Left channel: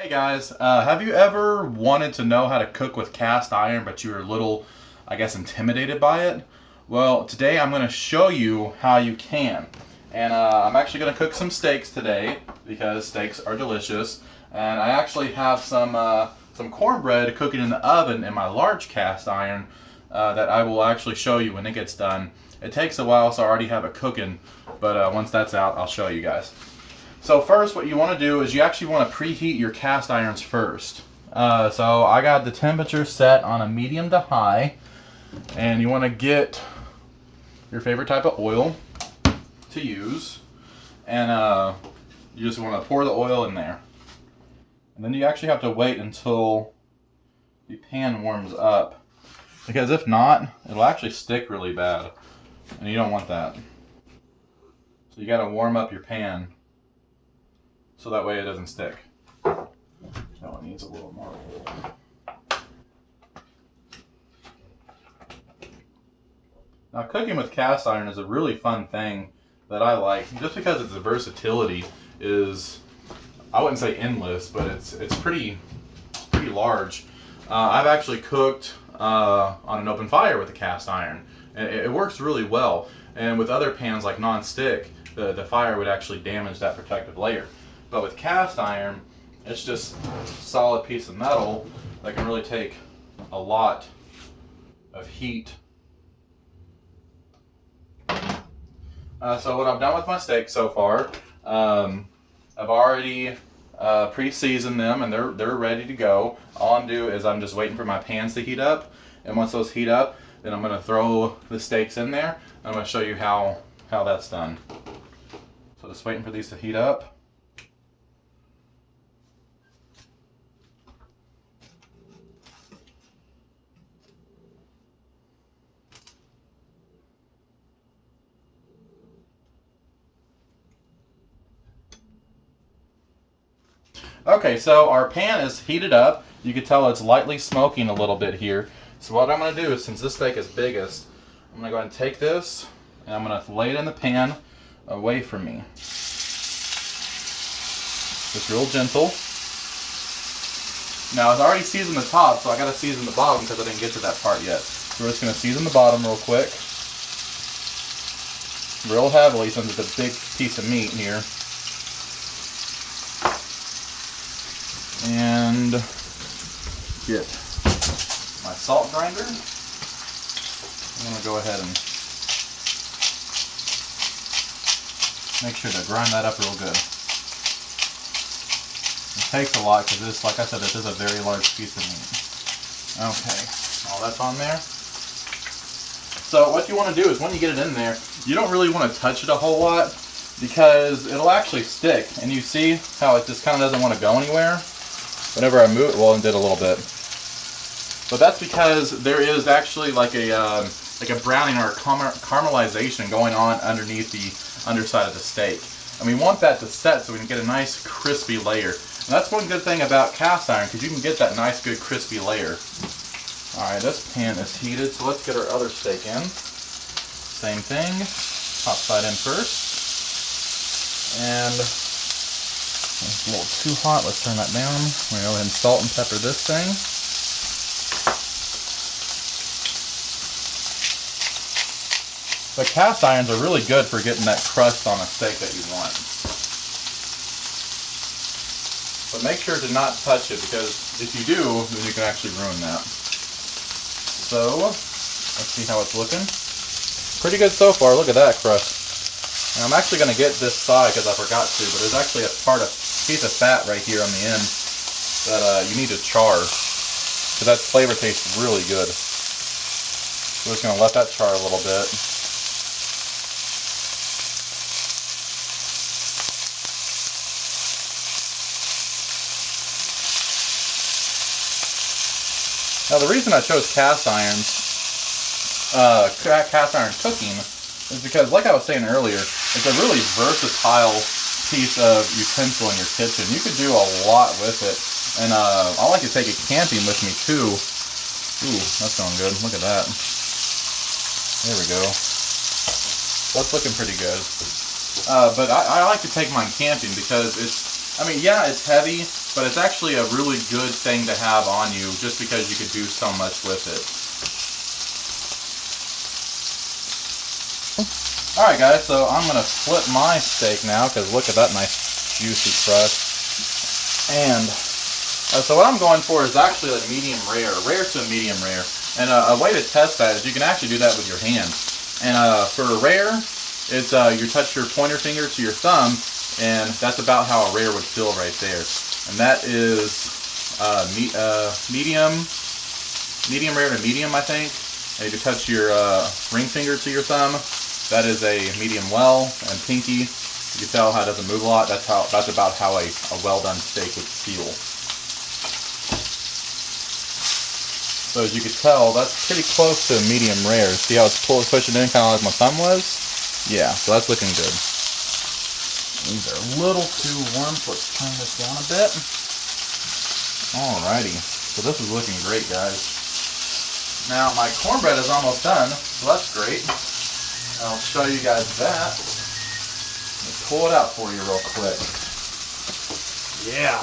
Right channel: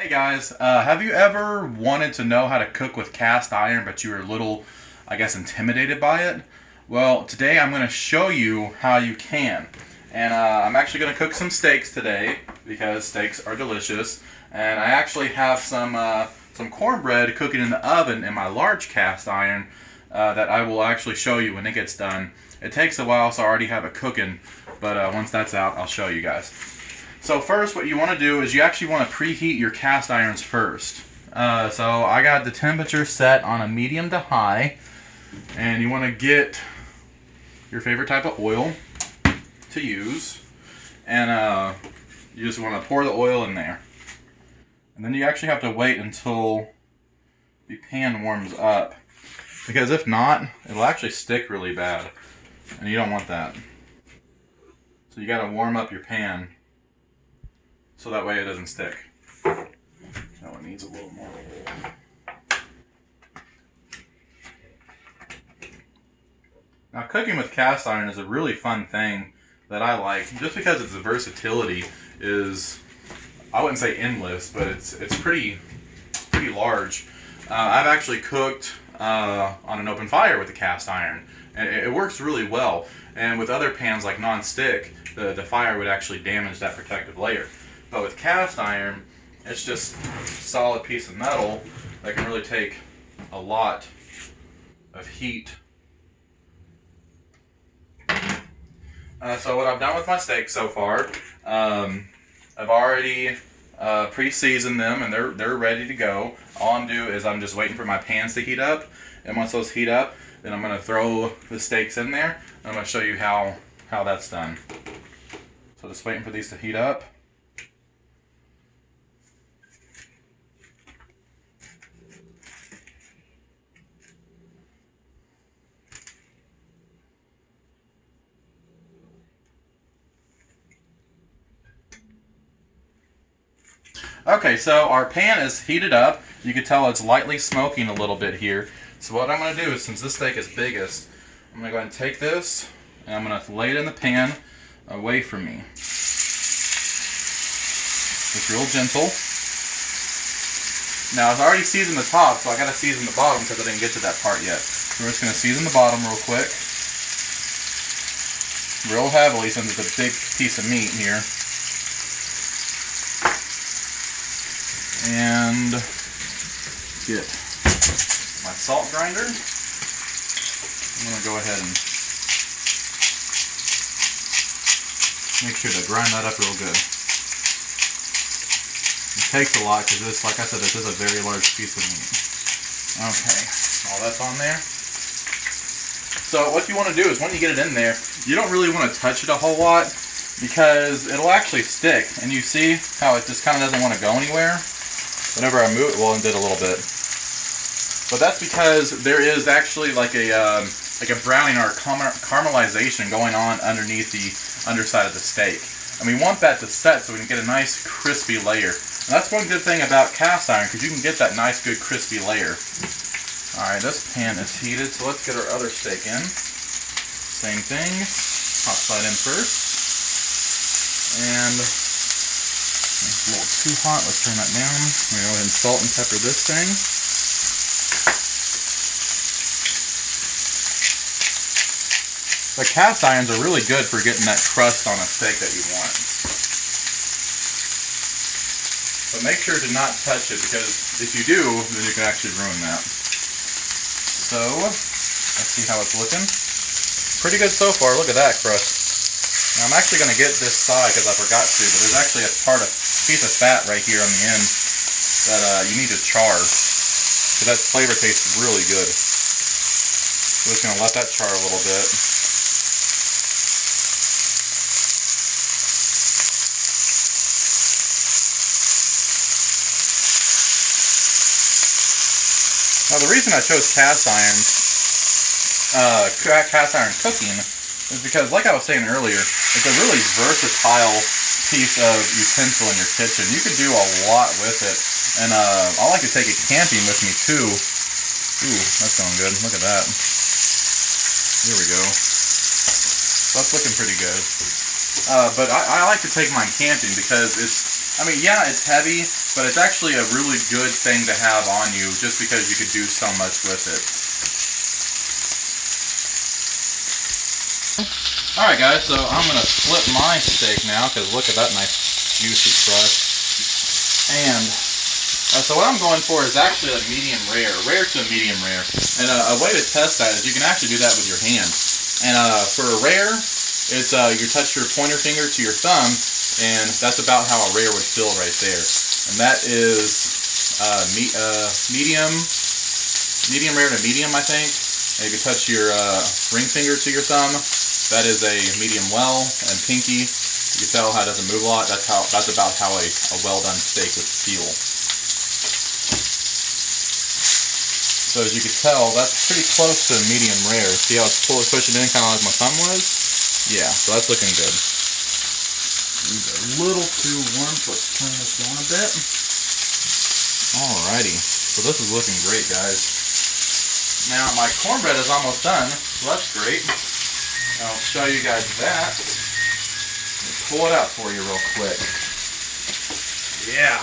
Hey guys, have you ever wanted to know how to cook with cast iron, but you were a little, I guess, intimidated by it? Well, today I'm going to show you how you can. And I'm actually going to cook some steaks today because steaks are delicious. And I actually have some cornbread cooking in the oven in my large cast iron that I will actually show you when it gets done. It takes a while, so I already have it cooking, but once that's out, I'll show you guys. So first, what you want to do is you actually want to preheat your cast irons first. So I got the temperature set on a medium to high, and you want to get your favorite type of oil to use, and you just want to pour the oil in there. And then you actually have to wait until the pan warms up, because if not, it'll actually stick really bad, and you don't want that. So you got to warm up your pan so that way it doesn't stick. So it needs a little more. Now, cooking with cast iron is a really fun thing that I like, just because its versatility is, I wouldn't say endless, but it's pretty large. I've actually cooked on an open fire with a cast iron, and it works really well. And with other pans like non-stick, the fire would actually damage that protective layer. But with cast iron, it's just a solid piece of metal that can really take a lot of heat. So what I've done with my steak so far, I've already pre-seasoned them, and they're ready to go. All I'm doing is I'm just waiting for my pans to heat up, and once those heat up, then I'm going to throw the steaks in there. And I'm going to show you how that's done. So just waiting for these to heat up. Okay, so our pan is heated up. You can tell it's lightly smoking a little bit here. So what I'm going to do is, since this steak is biggest, I'm going to go ahead and take this and I'm going to lay it in the pan away from me. Just real gentle. Now, I've already seasoned the top, so I got to season the bottom because I didn't get to that part yet. So we're just going to season the bottom real quick. Real heavily, since it's a big piece of meat here. And get my salt grinder. I'm going to go ahead and make sure to grind that up real good. It takes a lot because this, like I said, this is a very large piece of meat. Okay, all that's on there. So what you want to do is when you get it in there, you don't really want to touch it a whole lot because it'll actually stick. And you see how it just kind of doesn't want to go anywhere? Whenever I move it, well, it did a little bit. But that's because there is actually like a browning or a caramelization going on underneath the underside of the steak. And we want that to set so we can get a nice crispy layer. And that's one good thing about cast iron, because you can get that nice good crispy layer. Alright, this pan is heated, so let's get our other steak in. Same thing, top side in first. And it's a little too hot. Let's turn that down. I'm going to go ahead and salt and pepper this thing. The cast irons are really good for getting that crust on a steak that you want. But make sure to not touch it, because if you do, then you can actually ruin that. So, let's see how it's looking. Pretty good so far. Look at that crust. Now, I'm actually going to get this side because I forgot to, but there's actually a piece of fat right here on the end that you need to char, because that flavor tastes really good. So just going to let that char a little bit. Now the reason I chose cast iron cooking is because, like I was saying earlier, it's a really versatile piece of utensil in your kitchen. You can do a lot with it, and I like to take it camping with me too. Ooh, that's going good. Look at that. There we go. That's looking pretty good. But I like to take mine camping because it's, I mean, yeah, it's heavy, but it's actually a really good thing to have on you just because you could do so much with it. Alright guys, so I'm going to flip my steak now because look at that nice juicy crust. And so what I'm going for is actually like medium rare to a medium rare. And a way to test that is you can actually do that with your hand. And for a rare, it's you touch your pointer finger to your thumb, and that's about how a rare would feel right there. And that is medium rare to medium, I think. And if you touch your ring finger to your thumb, that is a medium well. And pinky, you can tell how it doesn't move a lot. That's about how a well done steak would feel. So as you can tell, that's pretty close to medium rare. See how it's pushing in kind of like my thumb was? Yeah, so that's looking good. These are a little too warm, so let's turn this down a bit. Alrighty, so this is looking great, guys. Now my cornbread is almost done, so that's great. I'll show you guys that. Let me pull it out for you real quick. Yeah,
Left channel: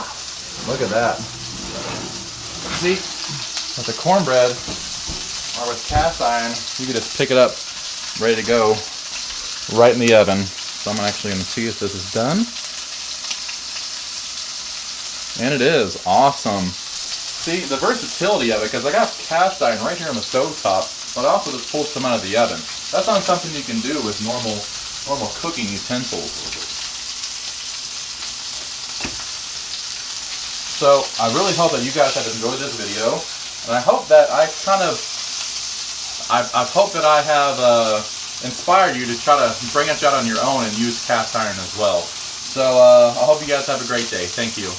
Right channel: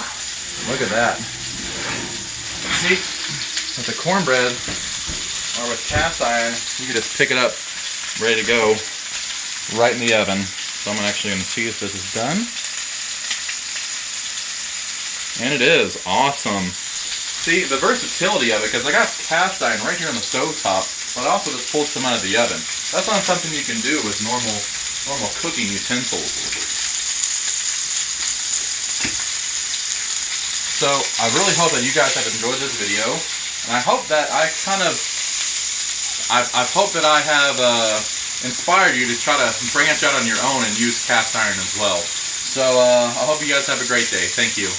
look at that. See, with the cornbread or with cast iron, you can just pick it up, ready to go, right in the oven. So I'm actually going to see if this is done. And it is. Awesome. See, the versatility of it, because I got cast iron right here on the stove top, but I also just pulled some out of the oven. That's not something you can do with normal cooking utensils. So I really hope that you guys have enjoyed this video, and I hope that I hope that I have inspired you to try to branch out on your own and use cast iron as well. So I hope you guys have a great day. Thank you.